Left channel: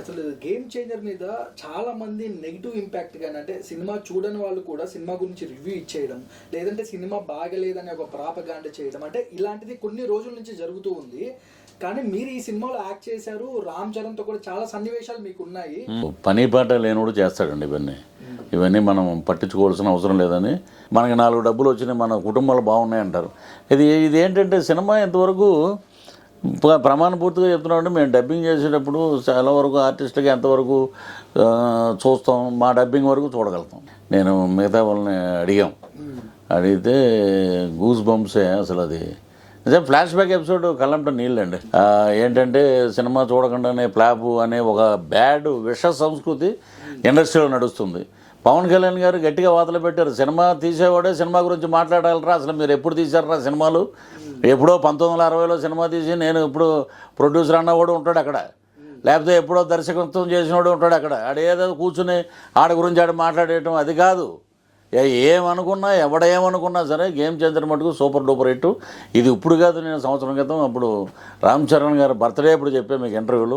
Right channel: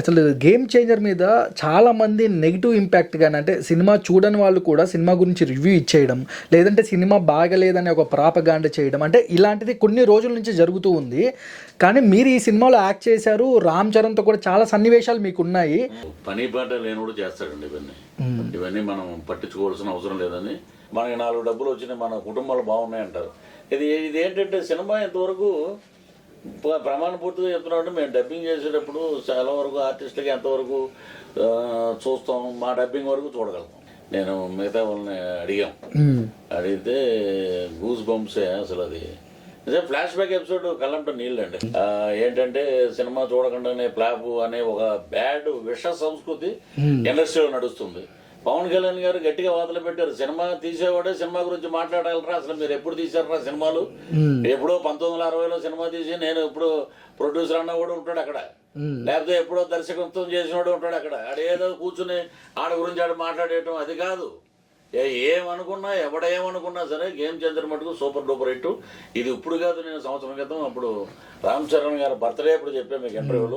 అసలు game changer మీద చాలామంది నెగిటివ్ ఇంపాక్ట్ కానీ అంటే సినిమా చూడని వాళ్ళు కూడా సినిమా గురించి రివ్యూ ఇచ్చేయడం, లేదంటే సినిమా బాగలేదని ఒక ప్రాపగాండ చేయడం, అంటే ఇలాంటిది కొన్ని రోజుల నుంచి జరుగుతూ ఉంది. కానీ మీరు ఈ సినిమాలో యాక్ట్ చేశారు, రామ్ చరణ్తో కూడా చాలా సన్నివేశాలు మీకు ఉన్నాయి. పని పాట లేనివాడు చేస్తాడండి ఇవన్నీ మనం పట్టించుకోవాల్సిన అవసరం లేదని. మనకి 4 డబ్బులు వచ్చినాయి, మన కుటుంబాలు బాగున్నాయి అంటారు. ఇది ఏంటంటే సినిమా ఇంతవరకు ప్రమాణపూర్తిగా చెప్తున్నామంటే మేము డబ్బింగ్ చేసేటప్పుడు చాలా వరకు ఆర్టిస్టులకి ఎంతవరకు చూస్తాం, మా డబ్బింగ్ వరకు చూడగలుగుతాం. నేను మిగతా వాళ్ళని అడిగితే గూస్ బంప్సే అసలు. అది నిజం ఫ్లాష్ బ్యాక్ ఎపిసోడ్ కళ్ళంట నీళ్ళండి. ఏంటంటే సినిమా చూడకుండానే ఫ్లాప్ అనే ఒక బ్యాడ్ విష సంస్కృతి ఇండస్ట్రీలో నడుస్తుంది. పవన్ కళ్యాణ్ గారు గట్టిగా వాతలు పెట్టారు, సినిమా తీసేవాడే సినిమా గురించి మాట్లాడాలరా, అసలు మీరు ఎప్పుడు తీశారా సినిమాలు? ఎప్పుడో 1960లో సినిమా తీసి నేను ఇప్పుడు ప్రొడ్యూసర్ అన్నవాడు ఉంటాడు అక్కడ, లేకపోతే ఎప్పుడో దర్శకత్వం చేసినవాడు ఉంటాడు అక్కడ. ఆడేదో కూర్చుని ఆడ గురించి ఆడ మాట్లాడేయటం అది కాదు. ఏమనుకున్నా ఎవడేమనుకున్నా సరే గేమ్ చేంజర్ మటుకు సూపర్ డూపర్ హిట్. ఇది ఇప్పుడు కాదు, నేను సంవత్సరం క్రితం అప్పుడు రామ్ చరణ్ గారు బర్త్డే అప్పుడు చెప్పాను మీకు ఇంటర్వ్యూలో,